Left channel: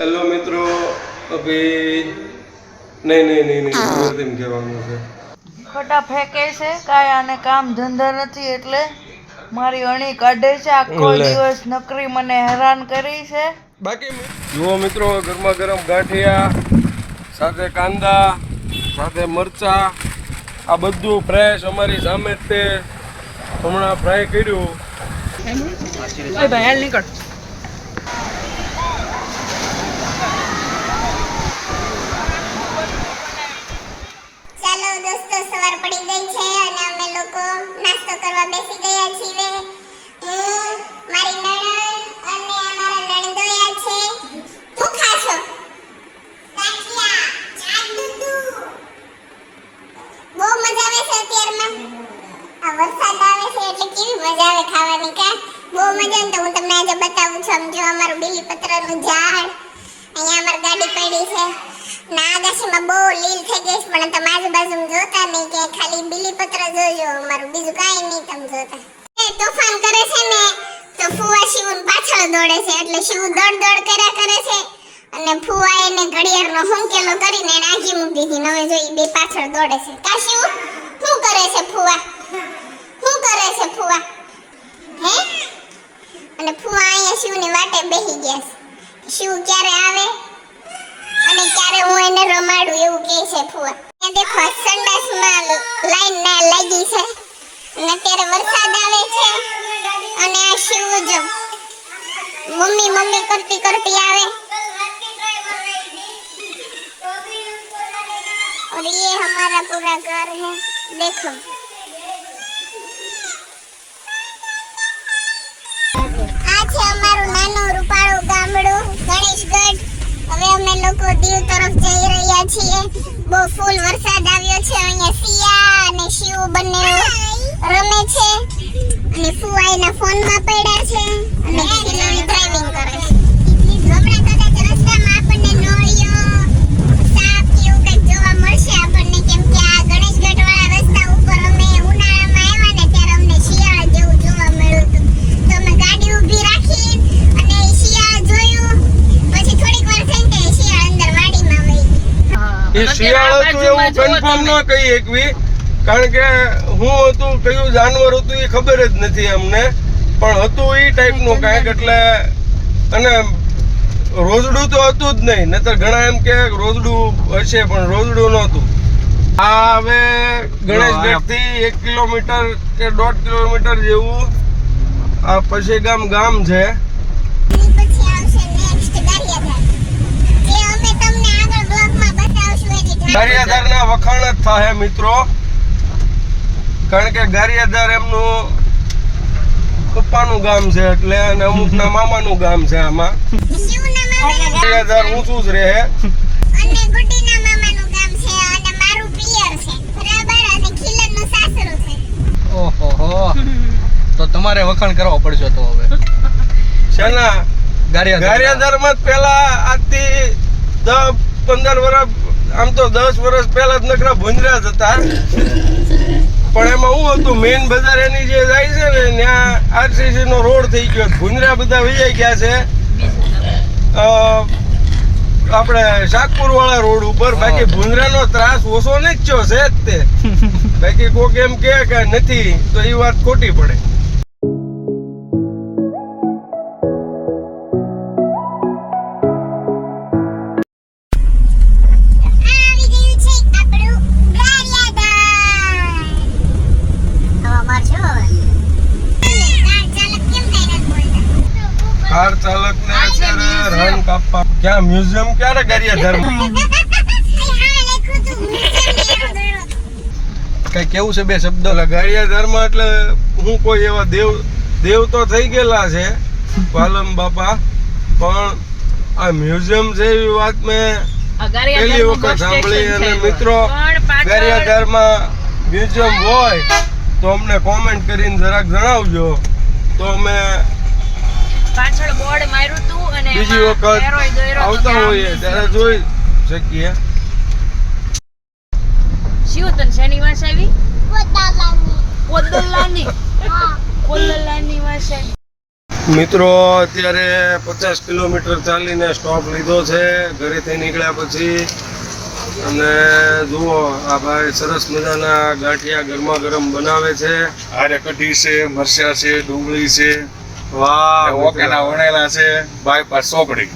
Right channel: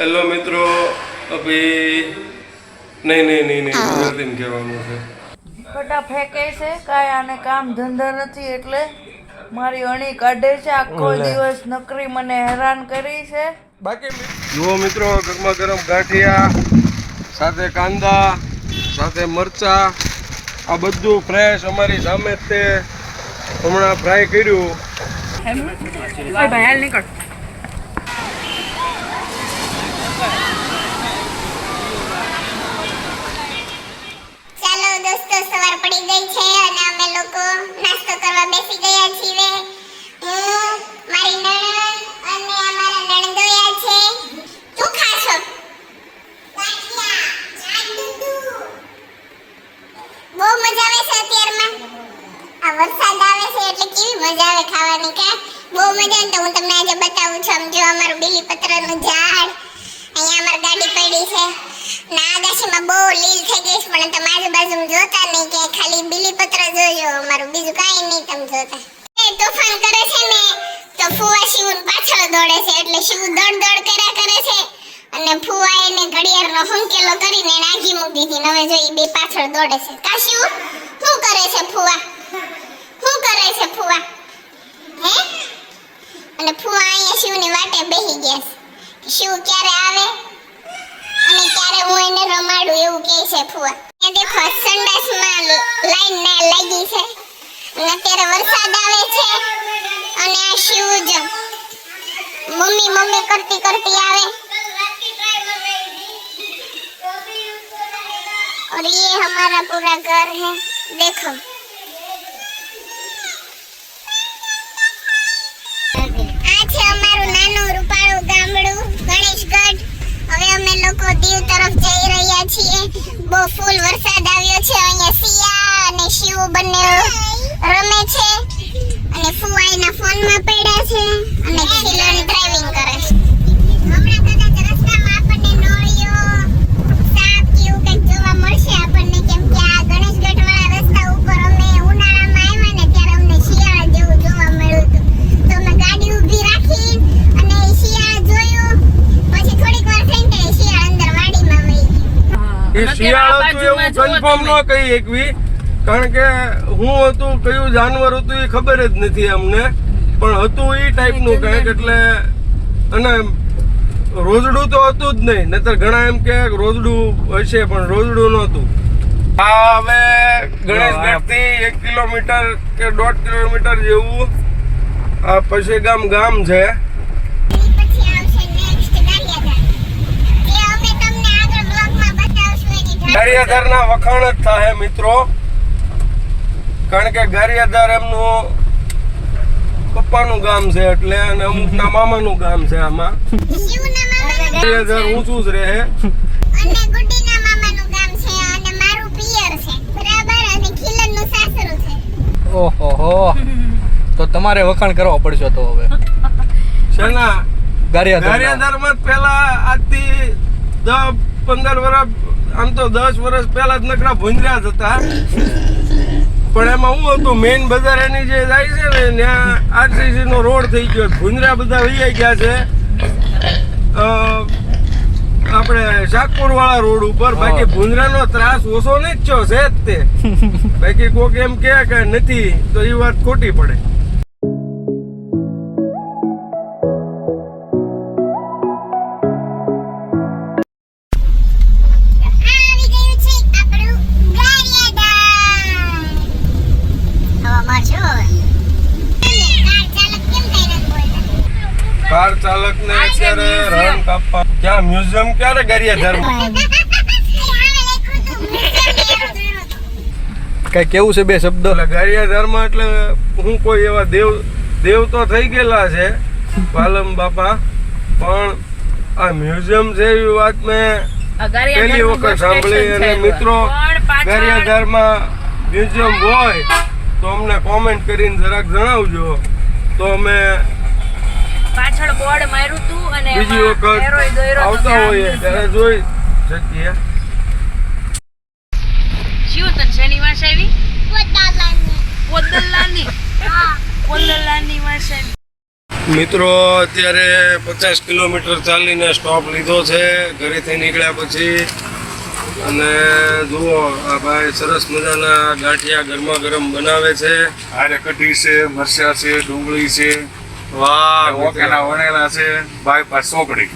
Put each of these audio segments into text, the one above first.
Hello મિત્રો અભી નહીં નહીં નહીં નહીં ગુજરાતીમાં કહેવાનું છે. ખોટા ફેંકે છે કાંઈ આને કામ ધંધા નથી એટલે મારી અણી કાઢે છે આખો. દિવસ નકરી મને હેરાન કરી છે. બાકી જુઓ મિત્રો ગરમા ગરમ ગાંઠિયા સાથે કાંદા સાથે મરચા આ બધું ફ્રેશ અમારી સામે જ તે હમણાં ફ્રાય કર્યું. ચાલો પડી ગઈ છે અને અમે લોકો નાસ્તો કરવા બેસી ગયા છીએ. હું, મારી નણંદ અને અમારા નણંદોયા છે. ખાશો ગાંઠિયા બહુ મજા આવે છે અત્યારમાં. આ વરસાદ આવે છે એટલે કેવી મજા આવે ખાવાની કા? બહુ મજા આવે તો હું તમને આજે બતાવું છું. સમજો અમારું બેલીપત્રનું ઝાડ, અહીંયા અમારી ગાડી પડી છે. ના બહુ લીલ થઈ ગઈ છે, પણ તમે જોતા નહીં, કે ખાલી બીલીપત્ર જોજો, અમારું બીજું કાંઈ નહીં તમે જોતા. તોફાન કરે છે ને, તો ફુવા શિવન પાછળ દોડે છે, એટલે શિવ દોડ દોડ કર્યા કરે છે, અને ફુવા એને ઘડિયાળનો હુંકેલો કરીને એને મૂકી દીધી હવે જો બે પાછળ દોડે છે. કા શિવ? શું કરે છે ફુવા? શું કરે છે ફુવા? હે? અને ફુવા અહીંયા શિવની વાટે બેસી ગયા શિવ ક્યારે આવે? અને ક્યારે હું એને રમાડું એવું કહે છે ફુવા ત્યાં દેખો સંડાસમાં લાઈન ના લાગી છે અને અત્યારે વરસાદ આવે છે અને આ શિવ જો મમ્મી મમ્મી કરતી કરતી આવે और ये हमारा पूरा घर है देखो આ છે અમારું નાનું રૂપાળું ગામડું ગણેશગઢ હવે અમે લોકો દીવ તરફ જઈ રહ્યા છીએ. બહુ ફૂલ વરસાદ આવ્યો છે. અહીંયા સિયા અને શિવ બંને રમે છે. અને ફુવાઈના ફોનમાં પડ્યા છે. અને ખીલન કન્ફર્મ ન કહી એકવી. કારણ કે હું હતું કયું જાનવર હતું એ ખબર જ નથી અમને. પણ હતું એ ટાઈપનું કાંઈક એટલે અને રોજડું તો હતું જ નહીં. નતર ઘણા એમ કે રોજડું હશે પણ રોજડું નહોતું. આ હવે ગણેશગઢથી એક કિલોમીટર કે દોઢ કિલોમીટર જેવું આ પછી ગામ ગામ છે. ગારિયાધારના વખાણ જ થાય મિત્રો. કારણ કે ગારિયાધાર એમનું પપ્પાનું ગામ છે એટલે અને અમુકના મામાનું ગામ છે આમાં. ગારિયાધાર ઊંચું જ રહે. અને ગુડીના મામાનું ગામ છે અને મારું પિયર છે. બરાબર? અને ખીલનનું સાસરું છે. ઓહો તો તમારે વખાણ કરવો પડશે તો હવે. શેના? ગારિયાધારમાં પેલા આજથી દસ પંદર વર્ષ આમ તો દસ વર્ષ પહેલા જ નકરા ભંજરા જ હતા. પણ એમાં શું હતું મેઇન બજાર એની જે જાય છે ને ત્યાં આરસીસી નો રોડ થઈ ગયો. ભુંજરા બધા વૈયા ગયા છે. આપણે શાકપુર વાળા રોડ ઉપર. બાકી ભૂંજરાનો ત્રાસ ઓછો નહીં જ છે જ તે. બાકી કોક એમ કે નથી તો એ વાત ખોટી પડે. ગારિયાધાર કઈ કેવું છે બે શબ્દ? એટલે ગારિયાધારમાં એટલે હું કોઈ એવા દેવ દેવ તો થઈ ગયેલા છે પાલમ બાપા પણ આ મ્યુઝિયમ છે એવી વાત મેં પહેલી વખત સાંભળી અને મિત્રો ગારિયાધારમાં મ્યુઝિયમ હોય તો અમને કોમેન્ટ કરીને જરાક જણાવજો. તો અમે પાછળ બોર્ડ માર્યું બીજી વખત આવતા હોઈએ ત્યારે જોઈ શકીએ. શિવ તને શેની વાસ આવી? કોદલાની કોદલાની વાસ આવી. મિત્રો અત્યારે પચાસ કિલોમીટર ચાલીને સ્ટોપ લીધો છે. ઘરેથી નીકળ્યા પછી. અને જુઓ આ ભાઈ સરસ મજાના ગાંઠિયા ગરમા ગરમ બનાવે છે. આરે કઢી છે મરચા છે ડુંગળી છે. વાહ ઓકેના વણેલા છે બાયપાસ ચોકડી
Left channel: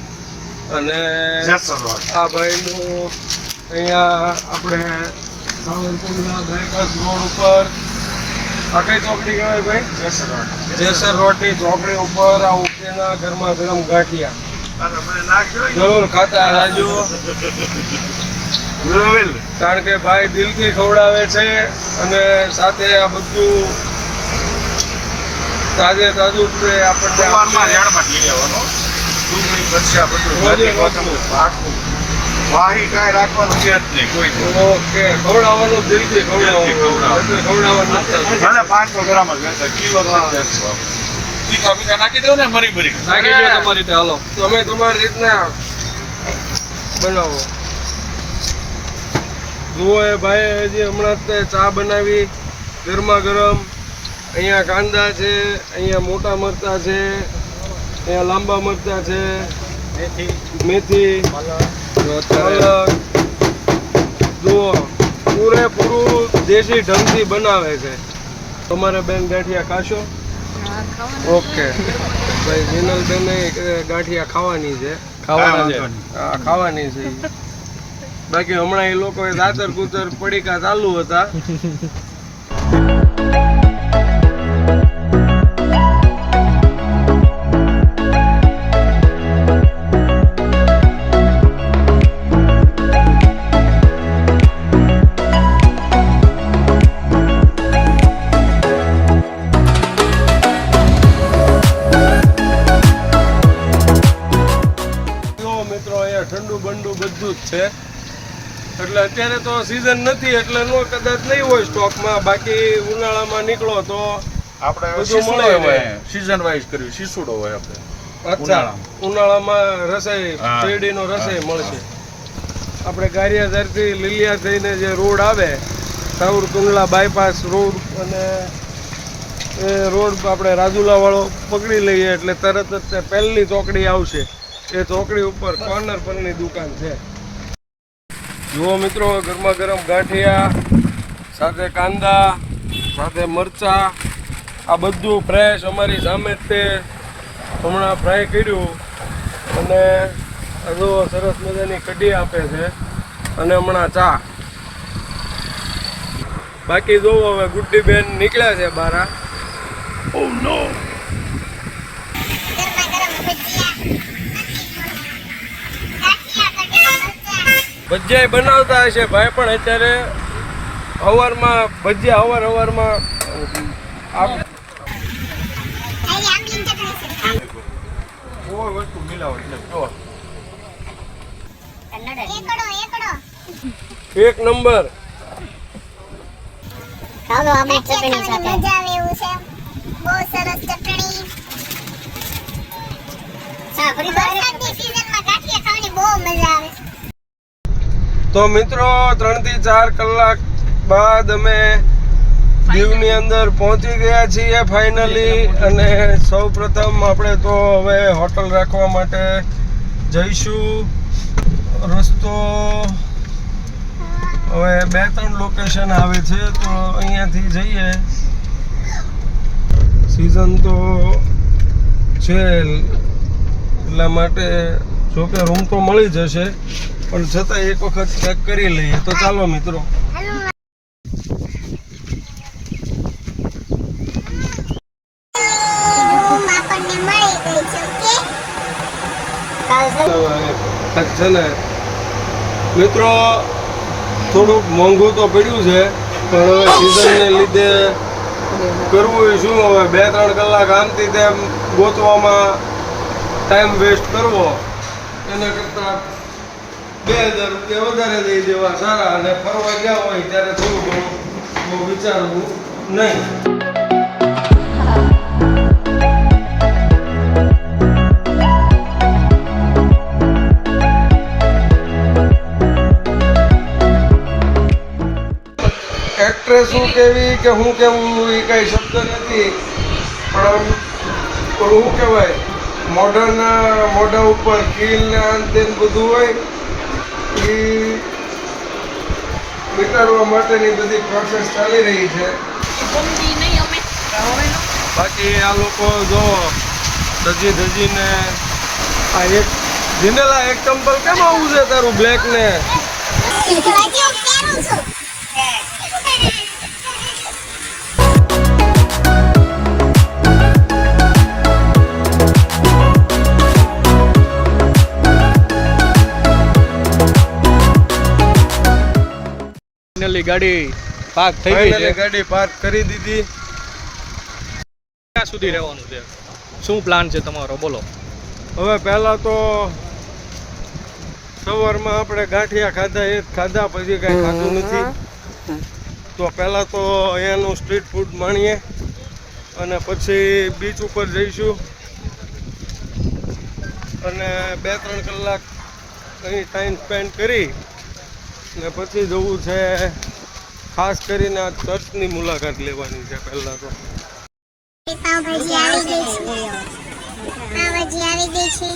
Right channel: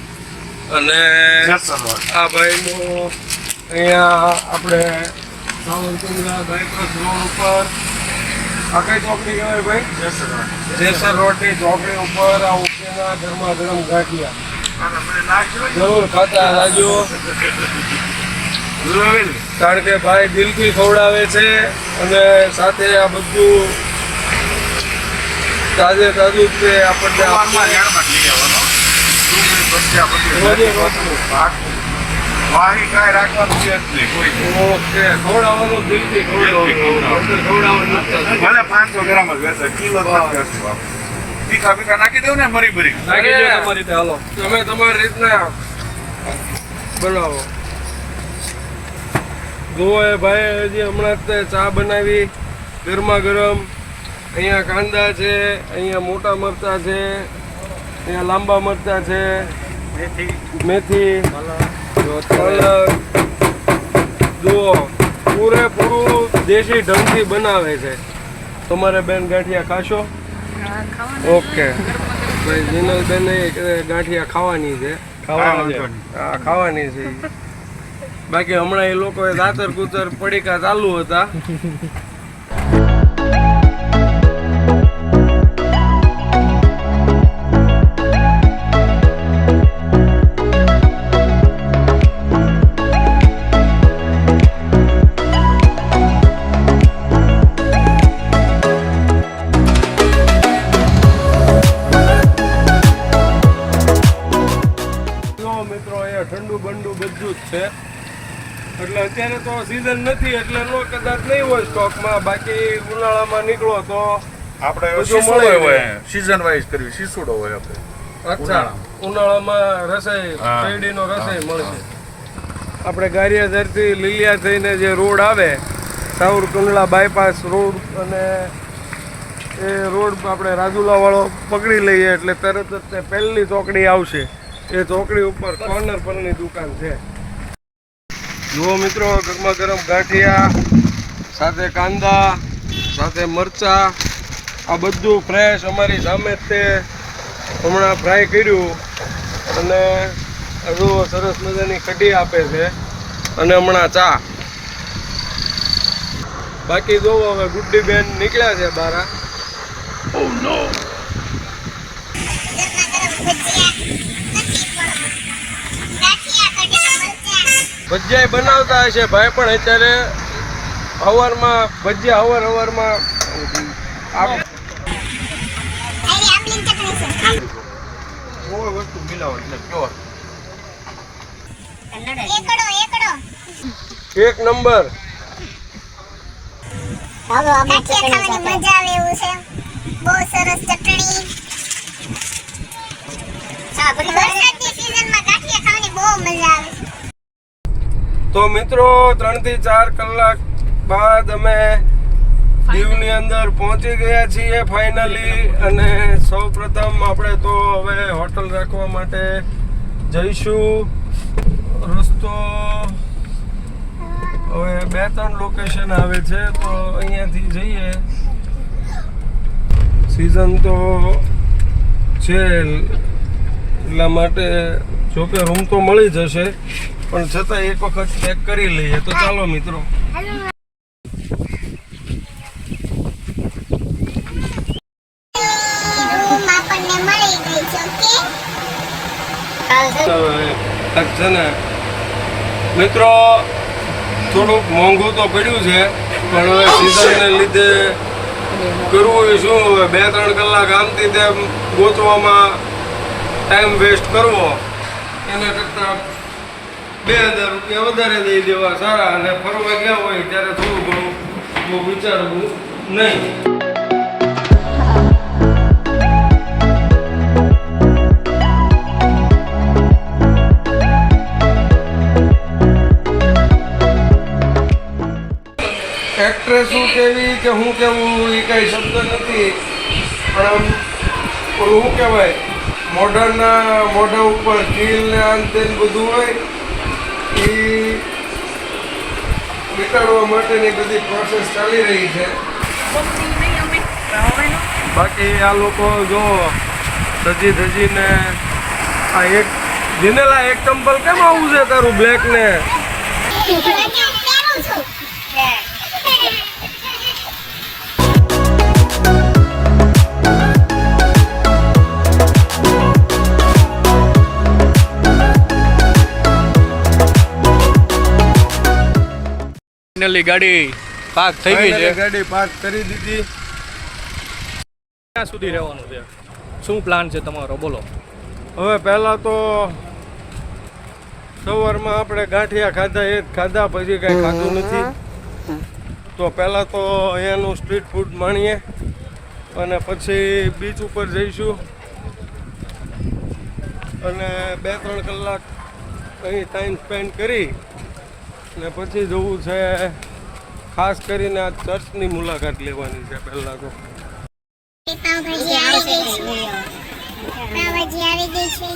અને. આ ભાઈનું અહીંયા આપણે બાયપાસ રોડ ઉપર આ કઈ ચોકડી કહેવાય ભાઈ જેસર રોડ. જેસર રોડની ચોકડી ઉપર આ ઉકેના ધર્મા ગરમ ગાંઠિયા. જરૂર ખાતા રોવેલ. કારણ કે ભાઈ દિલથી ખવડાવે છે અને સાથે આ બધું તાજે તાજું છે આપણને સવારમાં ઝાડમાં જ લઈ આવવાનો. ડુંગળી, મરચાં બધું. વાહી કાંઈ રાખવાનું છે જ નહીં કોઈ દી. ઓકે ખવડાવવાનું જલ્દી ખવડાવવાનું ભલે 500 ગ્રામ જ વેચાય, કિલો. તીખા બીખા નાખી દઉં ને મરી ભરી નાખી દો તમારી રીતે હાલો તમે તમારી રીતના બનાવો જુઓ એ ભાઈ હજી હમણાં જ ચા બનાવી ગરમા ગરમ અહીંયા કાંદા છે અહીંયા મોટા મરચાં છે અહીંયા લાંબા મરચાં છે મેથી. જુઓ પૂરેપૂરું દેશી ઢંગથી બનાવે છે. તમારે બેન ગાંઠિયા ખાશો? ઓકે. ભાઈ જીનલબેન ગાંઠિયા ખાવાની છે. ખાવાના છે. હા ખાવાની છે બાકી હમણાં એ લોકોએ દાતર કુતર પડીકા ચાલુ હતા. અત્યારે તો સિઝન નથી એટલે નો કદાચ નહીં હોય સ્ટોકમાં બાકી ઉનાળામાં નીકળો તો આપણે બધું મળે હોય. સીઝન વાઇઝ કર્યું શીસુડો હોય આપણે. અચ્છા. ઉનાળામાં. રસાઈ શેરડીનો રસાઈ મળશે. આપણે ગારિયાધરથી લીલિયા થઈને જે રોડ આવે સાઉર કુંડલા બાયપાસ રોડ અને એ રોડ આપણે રાજુલાવાળો પકડી લઈએ એટલે તરત જ તે પહેલી ચોકડી આવશે. એ ચોકડી ઉપર કોર્નર પરની દુકાન છે. જુઓ મિત્રો, ગરમા ગરમ ગાંઠિયા, સાથે કાંદા, સાથે મરચા, આ બધું ફ્રેશ અમારી સામે જ તે હમણાં ફ્રાય કર્યું. અને હજુ સરસ મજાની કઢી આપે છે. અને હમણાં ચા. બાકી જોવો હવે ગુડ્ડી બેન નીકળ્યા છે બારા ઓ નો ગરમા ગરમ ભજીયા નથી પણ ગાંઠિયા કઢી મરચાં ભજીયા બનાવતા હશે ભાઈ પણ અત્યારે અવારમાં ભજીયા અવાર એકડો એક નંબર. મજા આવે એવું છે. બહુ સરસ ચટણી વરસાદની સિઝનમાં ગાંઠિયા ખાવાની બહુ મજા આવે તો મિત્રો ત્રણથી ચાર કલાક બાદ અમે દીવની અંદર પહોંચી ગયા છીએ ફાઇનલી અને સૌ પ્રથમ આપણે તો હવે હોટલ રાખવા માટે જઈશું. રસ્તો હવે બે ત્રણ લોકેશન આવે છે તો અહીંયાથી જઈએ. સિઝન તો છે એટલા માટે જોકે રૂમ તો મળી જશે. પણ છતાં એક વખત ચેક કરી લઈએ તો ચાલો મિત્રો. છે હવે છે ને મિત્રો થોડુંક મોંઘું તો પડ્યું છે પણ હવે સિઝનને લીધે કરવું હોય શું? હવે બે ત્રણ કલાક આમથી તેમ ગોતવામાં ટાઈમ વેસ્ટ કરવો. એના કરતાં બે હજાર રૂપિયા વધારે દઈ દેવા સારા અને ફરવા ગયા હોય ત્યારે થોડું ઘણું હું વિચારવું નહીં. એક્ટ્રેસ શું કેવી કે હું કેવું એ કઈ શબ્દ નથી, પણ શું કહેવાય મોઢાના મોઢા ઉપર ખીલ ને આન બધું હોય એ નીકળવા માટેની બધી પ્રોસેસ ચાલી રહી છે. બાકી આ લોકો જો ધજી ધજીને આ એક દિનેલા એક ચંપલ કેમ આવું છે તારું બ્લેક ને? ફાઇનલી ગાડી પાક થઈ ગઈ છે. ગાડી પાર્ક કરી દીધી. ક્યાં સુધી રહેવાનું છે? શું પ્લાન છે તમારો? બોલો. હવે પહેલાં તો સવારમાં આપણે ગાંઠિયા ખાધા એ ખાધા પછી કાંઈ ખાધું નથી. તો પહેલાં તો અહીંયાનું સ્ટ્રીટ ફૂડ માણીએ અને પછી બીચ ઉપર જઈશું. અને બે ત્રણ કલાક અહીં ટાઈમ સ્પેન્ડ કરી ને પછી જવું છે ખાસ કરીને આ ચર્ચની મુલાકાત લેવાની છે પહેલાં તો. પાવભાજી આવી ગઈ છે. પાવભાજી આવી ગઈ છે.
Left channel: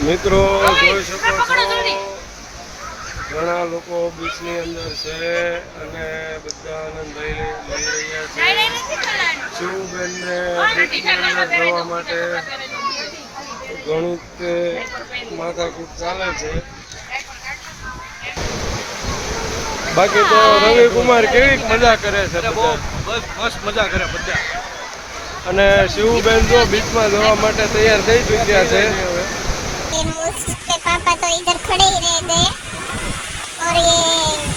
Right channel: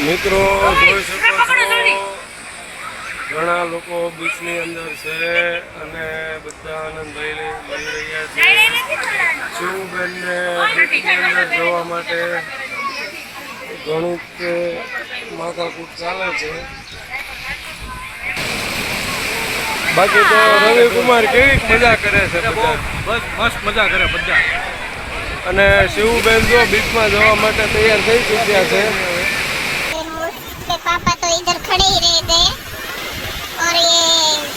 મિત્રો જોઈ શકો છો. ઘણા લોકો બીચની અંદર છે અને બધા આનંદ લઈ લઈ રહ્યા છે. શિવબેન ને બીચની અંદર જોવા માટે ઘણું કે માથાકૂટ ચાલે છે. બાકી તો રવિકુમાર કેવી મજા કરે છે બસ મસ્ત મજા કરે બધા. અને શિવબેન જો બીચમાં જવા માટે તૈયાર થઈ ચૂક્યા છે. પાપા તો ઇધર ખડે રહે ગયે और ये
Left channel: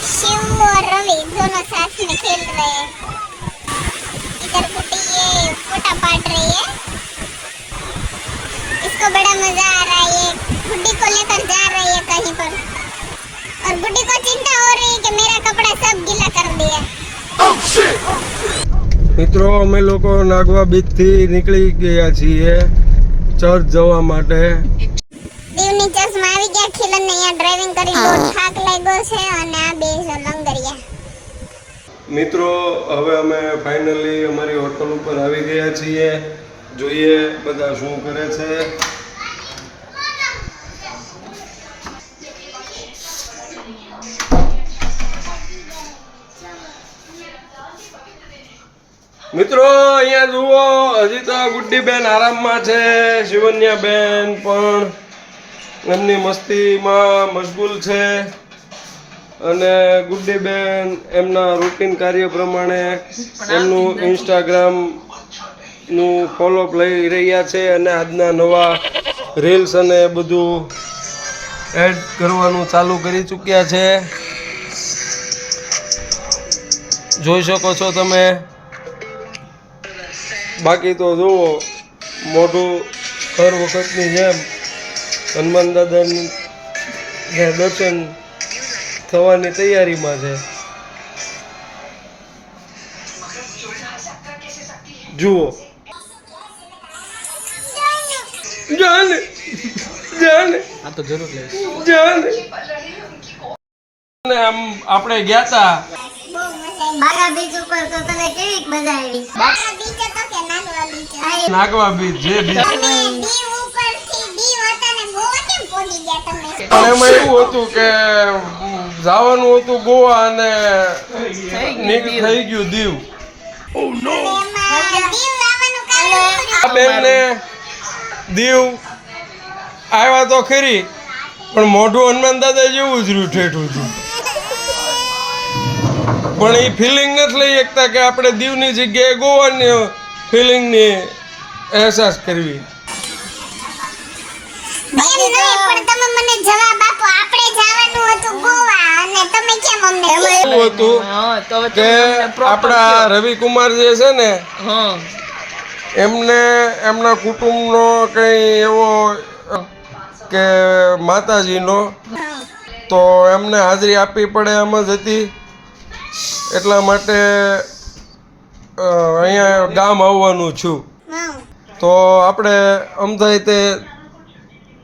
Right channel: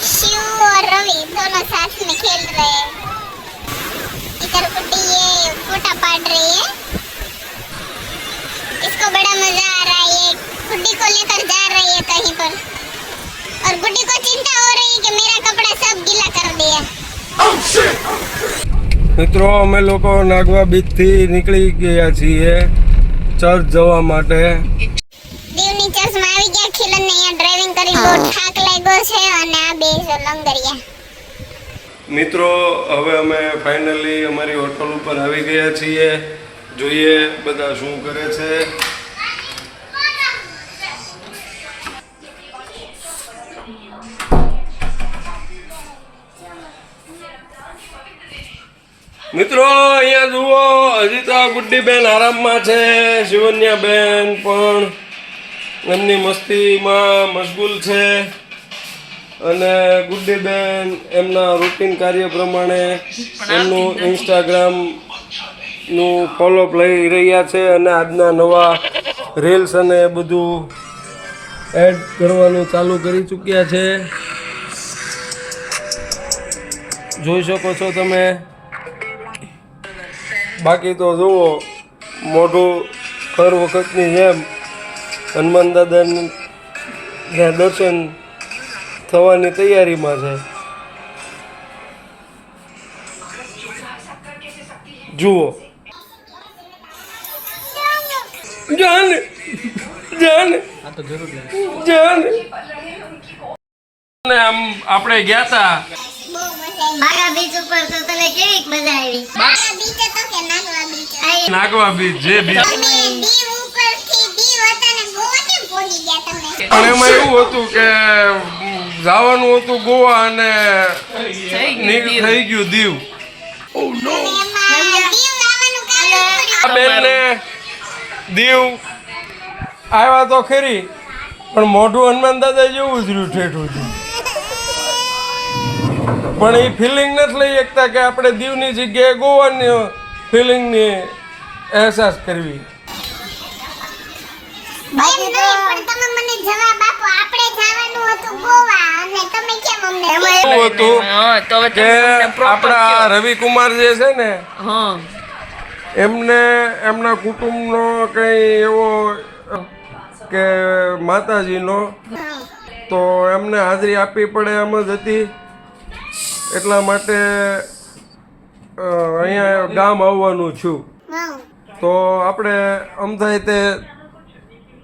शिव और रवि दोनों साथ में खेल रहे हैं इधर गुड्डी ये फोटा पाट रही है इसको बड़ा मजा आ रहा है ये गुड्डी को लेकर जा रही है कहीं पर और गुड्डी को चिंता हो रही है कि मेरा कपड़ा सब गीला कर दिया મિત્રો અમે લોકો નાગવા બીચથી નીકળી ગયા છીએ ચર્ચ જવા માટે દીવની ચર્ચમાં આવી ગયા ખીલન અહીંયા ડ્રાઇવિંગ કરી બહુ થાક લાગ્યો છે અને આ બે લંગરિયા મિત્રો હવે અમે ફાઇનલી અમારી હોટલ ઉપર આવી ગયા છીએ. જોઈએ બધા શું કરે છે. મિત્રો અહીંયા જુઓ હજી તો આ ગુડ્ડીબેન આરામમાં છે શિવન્યા બેન પણ. એમની મસ્તીમાં મશગુલ છે અને ગુડ્ડીબેન એમના રૂટીન કાર્ય પ્રમાણે એમનું ઇન્સ્ટાગ્રામનું ફોલોઅપ લઈ રહ્યા છે અને આજના નવા રીલ્સ અને બધું એડ કરવાનું ચાલુ કરી ચૂક્યા છે. જોઈ શકો છો તમે. બાકી તો જુઓ, મોઢું હર વખતની જેમ હનુમાન દાદાની દર્શન થવાની તૈયારીમાં છે. જુઓ. જાન જાન જાન આમ આપણે ગયા તા. નાગવા બીચ જે બાગા પણ એમાં એવું હતું કે જવાનું હતું ગોવા અને નીક- થઈ ગયું દીવ. એમાં દીવ આ પડ્યું બેનને દીવ આવ્યા તો ખરી પણ મોઢું હનુમાન દાદા જેવું જ રહ્યું ઠેઠું હતું પણ એ ફિલિંગ નથી લઈ શકતા કે આપણે દીવની જગ્યાએ ગોવાની ફિલિંગની અહેસાસ કરવી. એમ નહીં પણ તમે મને જવાબ આપો. આપણે જવાનું હતું ગોવા અને તમે કેમ અમને એવું હતું કે આપણા રવિકુમાર જે છે ને એમને એમના કુટુંબનો કંઈ એવો કે માતાજીનો તો એમને હાજરી આપવી પડે એમ જ હતી. એટલા માટે અહીંયા ગામ આવવાનું છું. તો આપણે તે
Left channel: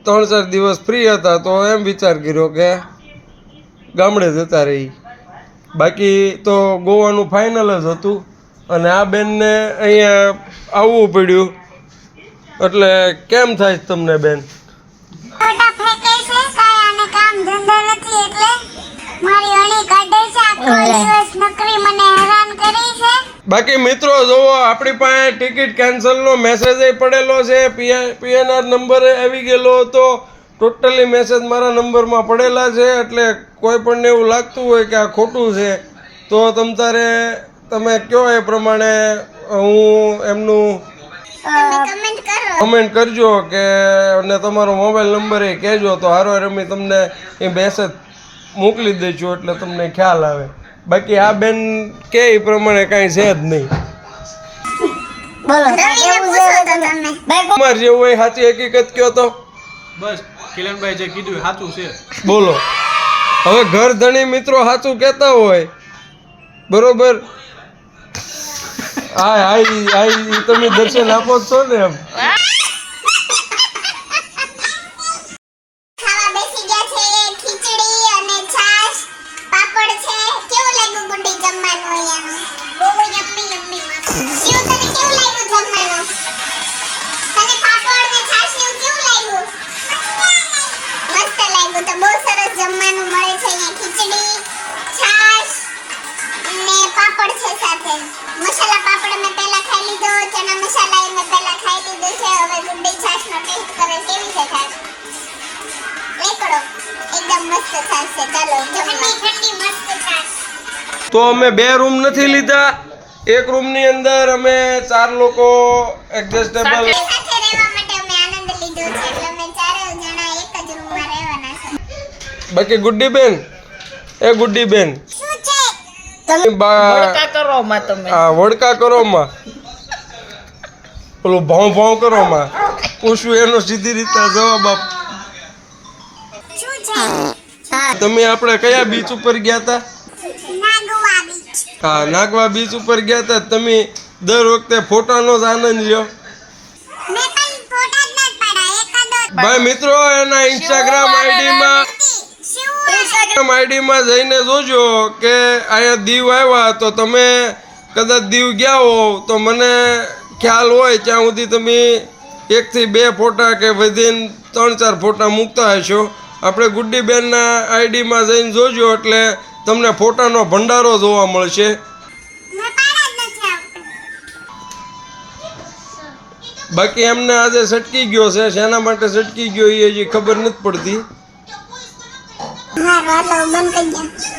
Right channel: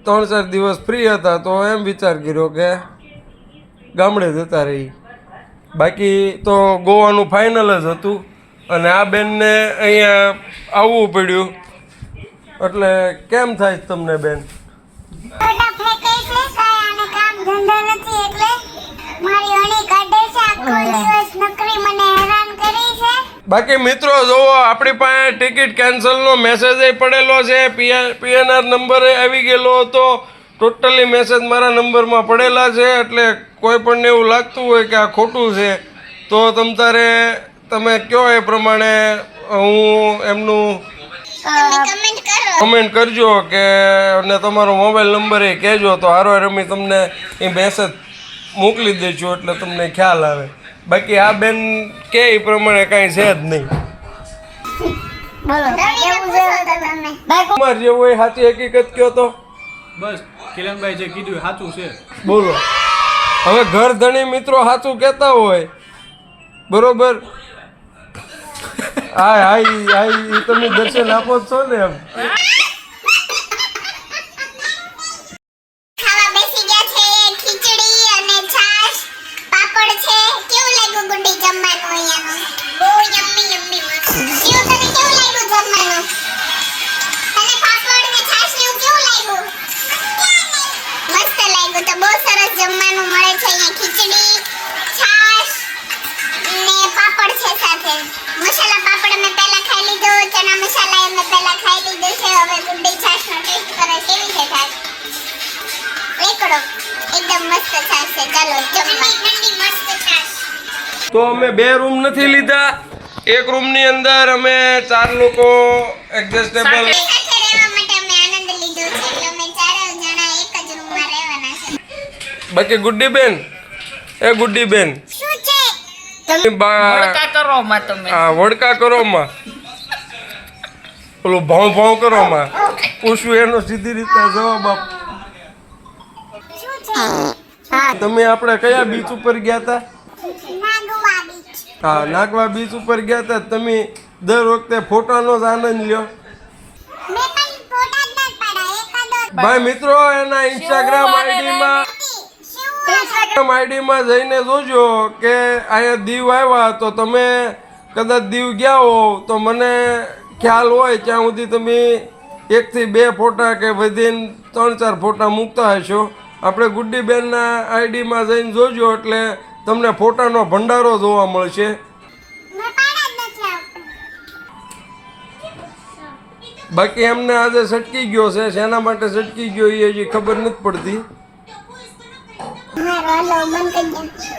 ત્રણ ચાર દિવસ ફ્રી હતા તો એમ વિચાર કર્યો કે ગામડે જતા રહી. બાકી તો ગોવાનું ફાઇનલ જ હતું અને આ બેનને અહીંયા આવવું પડ્યું. એટલે કેમ થાય તમને બેન ફોટા ફેંકાય છે કાંઈ આને કામ ધંધો નથી એટલે મારી અણી કાઢે છે આખો દિવસ નકરી મને હેરાન કરી છે બાકી મિત્રો જોવો આપણી પાસે ટિકિટ કેન્સલનો મેસેજ પડેલો છે. પીએનઆર નંબરે આવી ગયેલો હતો. ટોટલી મેસેજ મારા નંબરમાં પડેલા છે એટલે કોઈ પણને એવું લાગતું હોય કે આ ખોટું છે તો તમ તારે તમે કયો એ પ્રમાણે હું એમનું કમેન્ટ કમેન્ટ કરજો કે અને તમારો મોબાઈલ નંબર એ કહેજો તો હારો રમી તમને એ મેસેજ મોકલી દઈશું એટલે તમને ખ્યાલ આવે. બાકી આ બેન કે એ પ્રમાણે કાંઈ છે જ નહીં. રવિને તમે. જેવું હોય સાચી હકીકત કયો તો? બસ કિરણભાઈ જે કીધું સાચું છે. બોલો. હવે ઘર ધણી મિત્રો સાચું કહેતા હોય બરોબર? હા હા તમે દર્શન આપો છો ને એમ. સરસ જમવાનું મળે છે અહીંયા ખીચડી છાશ ને પાપડ છે સાથે. મસાલા પાપડ મેં પહેલા ખાઈ લીધો ચણા મસાલા એ મેં પહેલા ખાઈ લીધો છે. હવે ગુड्डी છાશ નો ટેસ્ટ કરે કેવી છે છાશ એકડો. એકદમ મસ્ત છાશ છે. ચાલો જમવા. તો અમે બે રૂમ નથી લીધા. એક રૂમની અંદર અમે ચાર લોકો એડજસ્ટેબલ બાકી ગુડ્ડી બેન? એ ગુડ્ડી બેન. શું છે? બા- કરો માં તમે. આ વડકા કરો માં પેલું ભાવ ભાવ કરો માં પૂછવું એનો સીધી રીતે જવાબ આપ. તમે આપણે કયા બીચ ઉપર ગયા હતા નાગવા બીચ હા નાગવા બીચ ઉપર ગયા હતા તમે દર વખતે ફોટાનો જ આનંદ લ્યો. મેં પણ ફોટા જ નથી પાડ્યા એકાદો ભાઈ મિત્રો એના ઇન્સ્ટાગ્રામ આઈડીમાં આઈડીમાં જઈને જોજો કે અહીંયા દીવ આવ્યા તો તમે કદાચ દીવ ગયા હો, તો મને ખ્યાલ હોય ત્યાં સુધી તમે એકથી બે ફોટા કે વિધિન ત્રણ ચાર ફોટા મૂકતા હશો. આપણે ગુડ્ડીબેનના આઈડીમાં જઈને જોજો એટલે તમને ફોટાનો ભંડારો જોવા મળશે. બાકી એમને આજે સટકી ગયો છે, શેના માટે સટકી ગયો એ હજી ખબર નથી પડતી. હારું હાલો બંધ કરી દો